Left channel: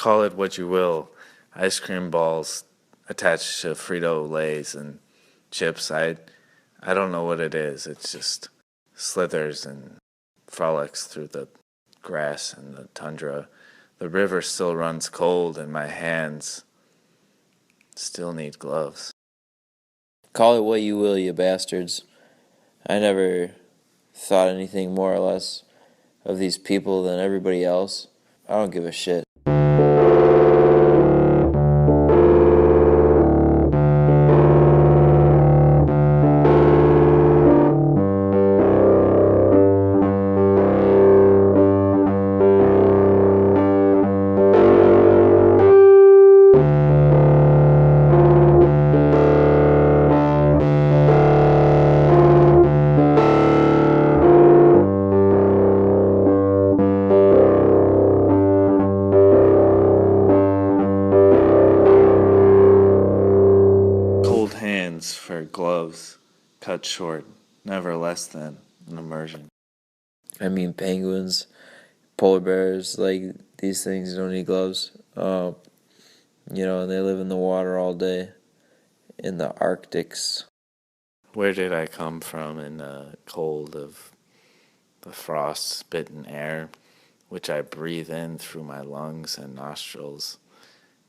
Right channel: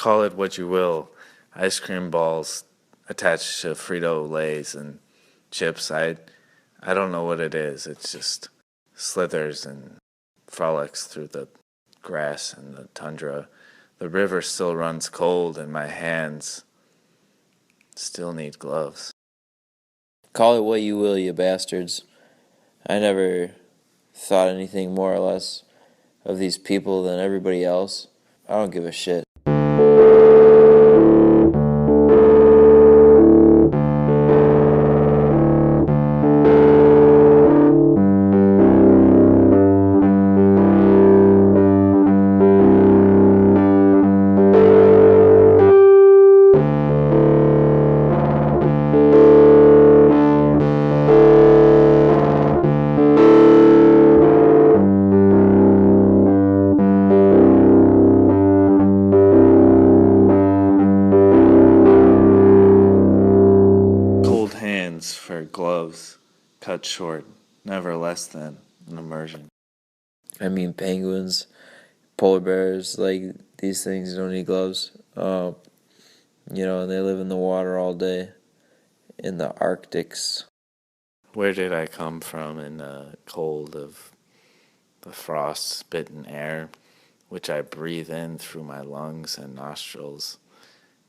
Call it what you will. Ice cream balls attached to Frito-Lays and chips. I don't know what it is. It's just slithers and frolics through the grass and the tundra. The river still runs cold and my hands still need gloves. Call it what you will, you bastards. I never thought anything more or less of these people than everybody else. I don't give a shit. Cold hands for gloves, cut short, never less than an immersion. I mean, penguins, polar bears, like these things don't need gloves. And they live in the water all day in the Arctics. Where did I come from in the cold of the frost-bitten air, which I breathe in through my lungs and nostrils,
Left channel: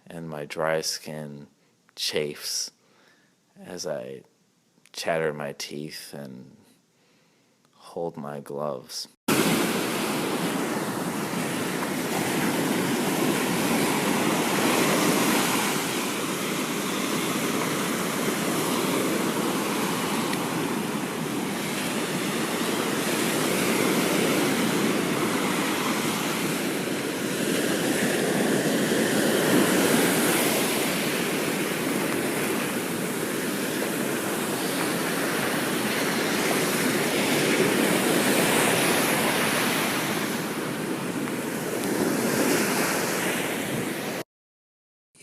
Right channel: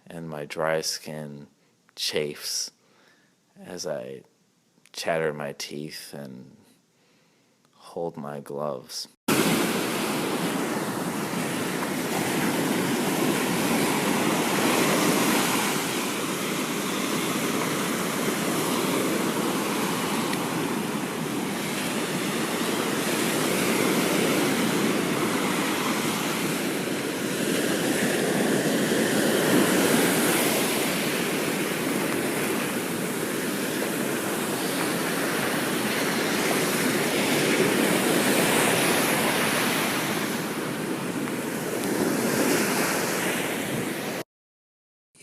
and my dry skin chafes as I chatter my teeth and hold my gloves.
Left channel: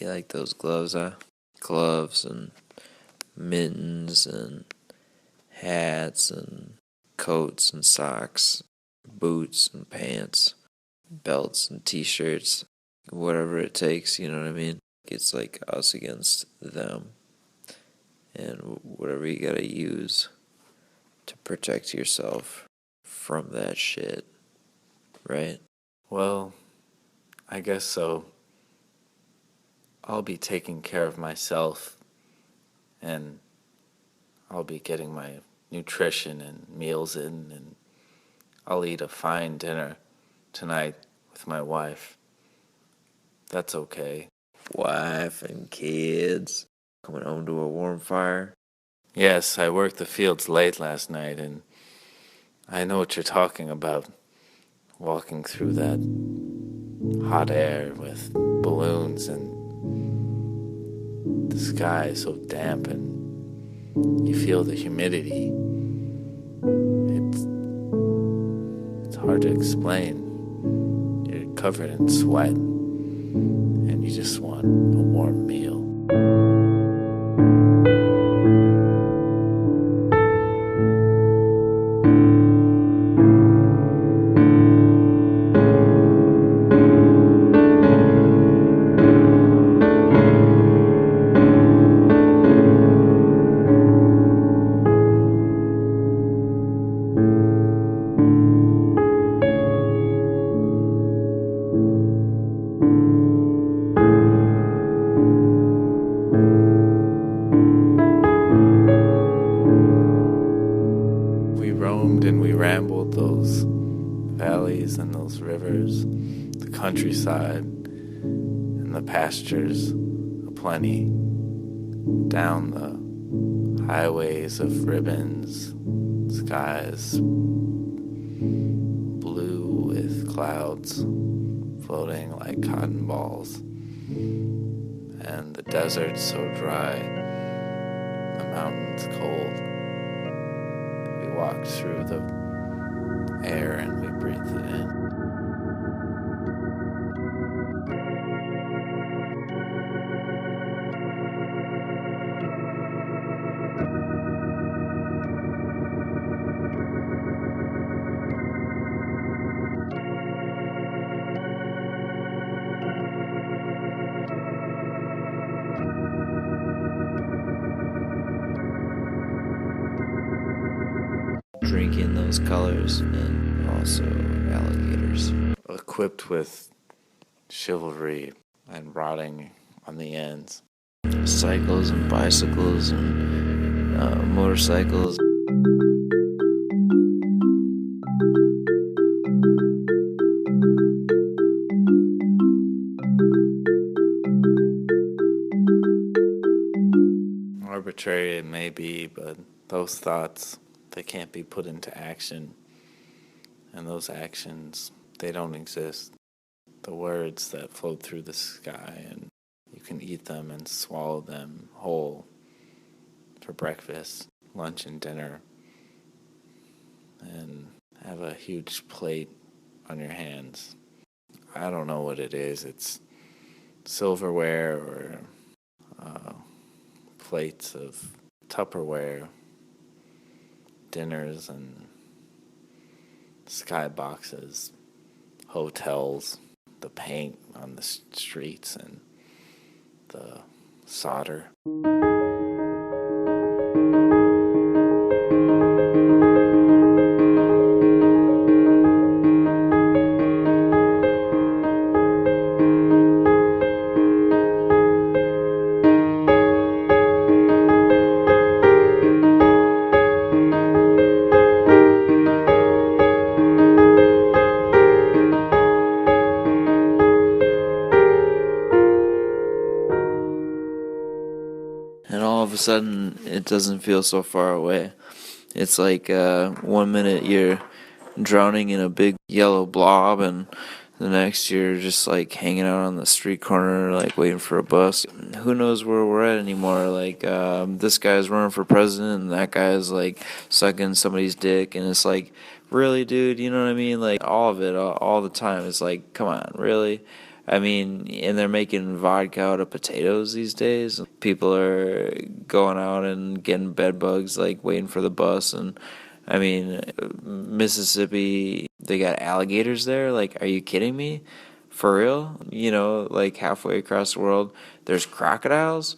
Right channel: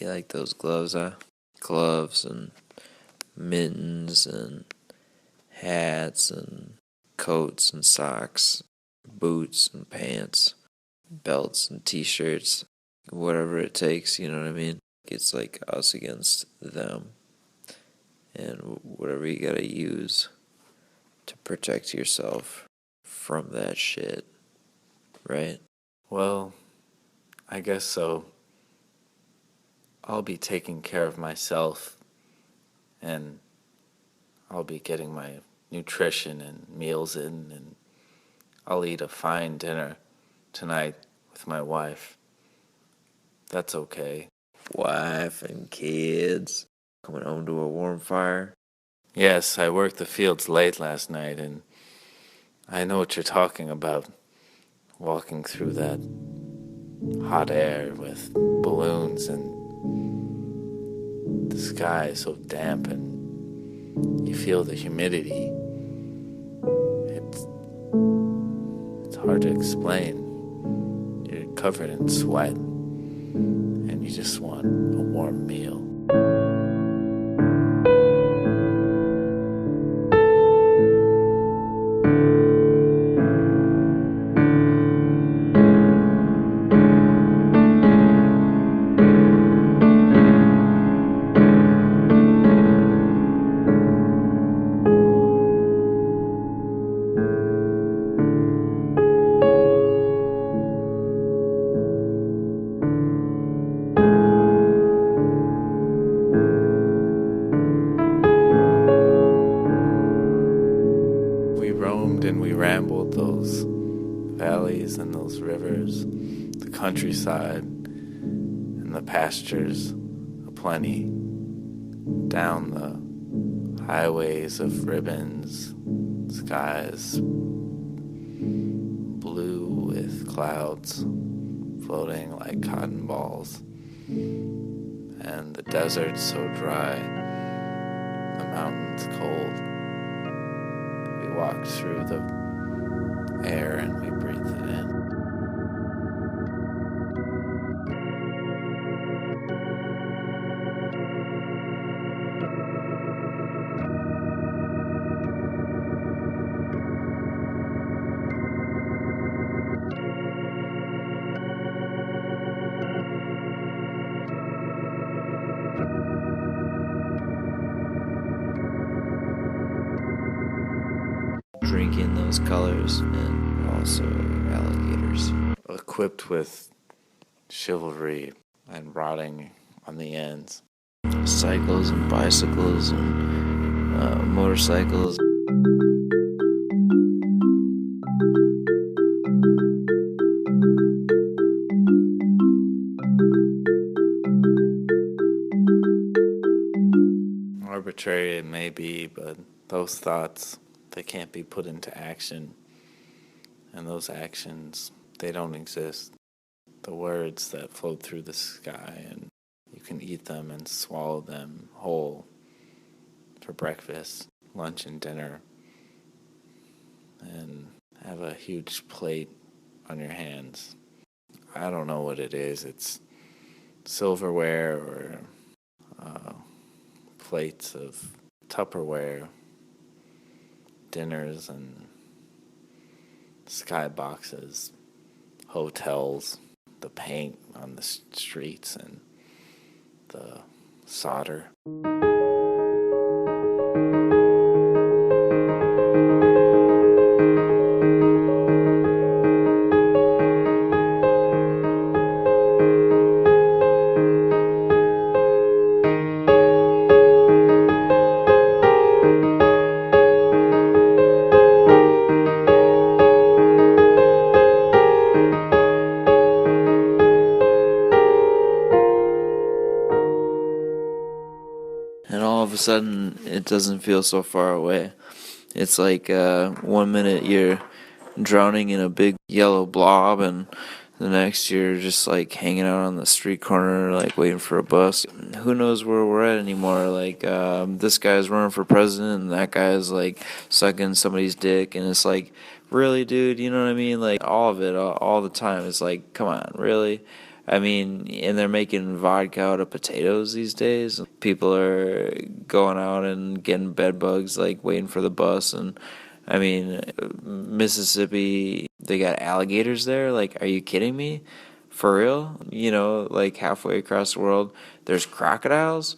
You like those gloves, huh? Gloves and mittens and hats and coats and socks, boots and pants, belts and t-shirts, whatever it takes, you know what I mean? It's like us against them, and whatever you gotta use to protect yourself from that shit, right? Well, I guess so. I'll be taking care of myself, and I'll be getting my nutrition and meals in, and I'll eat a fine dinner tonight with my wife. That's okay. Wife and kids coming home to a warm fire. Yes, I worked the fields late last night, and I know what you're talking about. Walking through that hot air with balloons and the sky is so damp and you feel the humidity. It's hard to explain. You're covered in sweat and you just want a warm meal. We roamed and we rambled those valleys and those rivers, the countryside and the pastures aplenty, down the highways of ribbons, skies blue with clouds floating like cotton balls, and the desert so dry, the mountains cold. We walked through the air and we breathed it in. drinking those colors, and also alligators. Equipped with chivalry and rotting on the ends. Cycles and bicycles and motorcycles. Arbitrary it may be, but those thoughts, they can't be put into action. And those actions, they don't exist. The words that float through the sky, and you can eat them and swallow them whole for breakfast, lunch, and dinner, and have a huge plate on your hands. I don't know what it is. It's silverware or plates of Tupperware, dinners and skyboxes, hotels, the paint on the streets, and the solder. And all of a sudden, it doesn't feel so far away. It's like 1 minute you're drowning in a big yellow blob, and the next you're just like hanging out on the street corner, like waiting for a bus. Who knows where we're at anymore? Like this guy's running for president, and that guy's like sucking somebody's dick, and it's like, really, dude? You know what I mean? Like all of it, all the time. It's like, come on, really? I mean, and they're making vodka out of potatoes these days. People are going out and getting bed bugs, like waiting for the bus. And I mean, Mississippi, they got alligators there. Like, are you kidding me? For real? You know, like halfway across the world, there's crocodiles.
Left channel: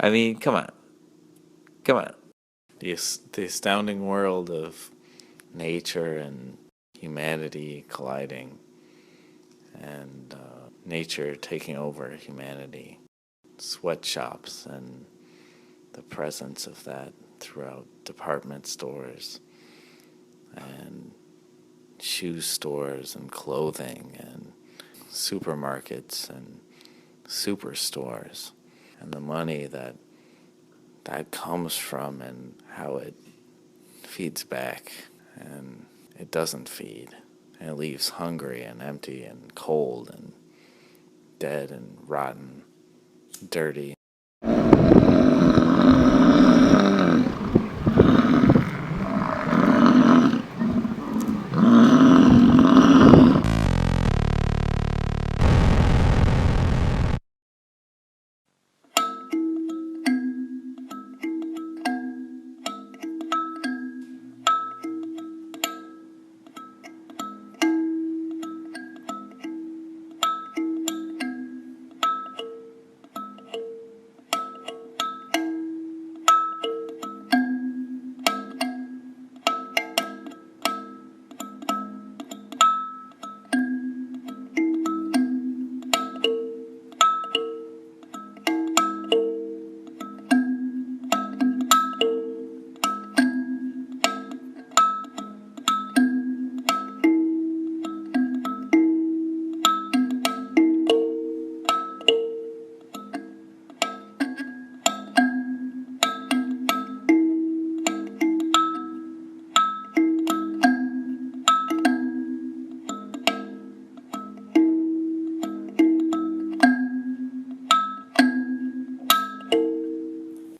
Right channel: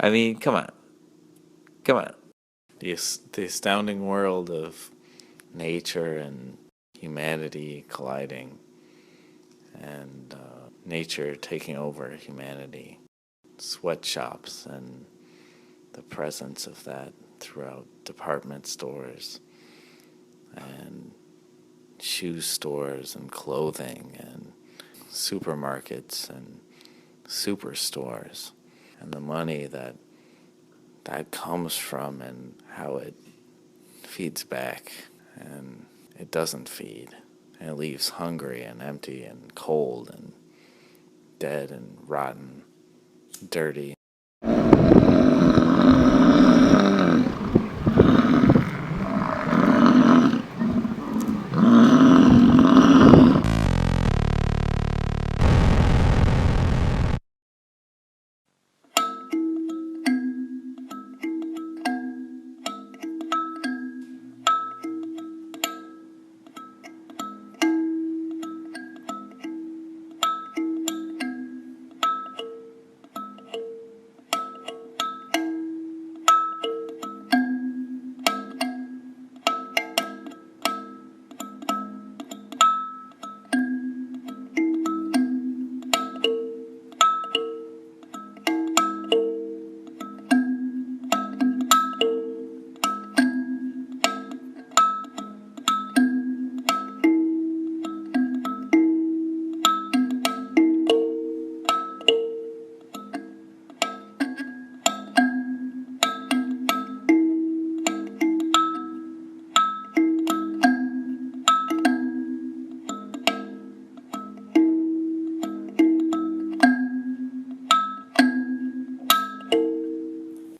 I mean, come on. Come on. The astounding world of nature and humanity colliding, and nature taking over humanity. Sweatshops and the presence of that throughout department stores and shoe stores and clothing and supermarkets and superstores, and the money that comes from and how it feeds back, and it doesn't feed, and it leaves hungry and empty and cold and dead and rotten, dirty.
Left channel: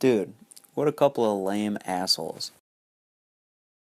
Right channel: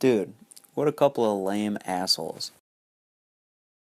Dude, what a couple of lame assholes.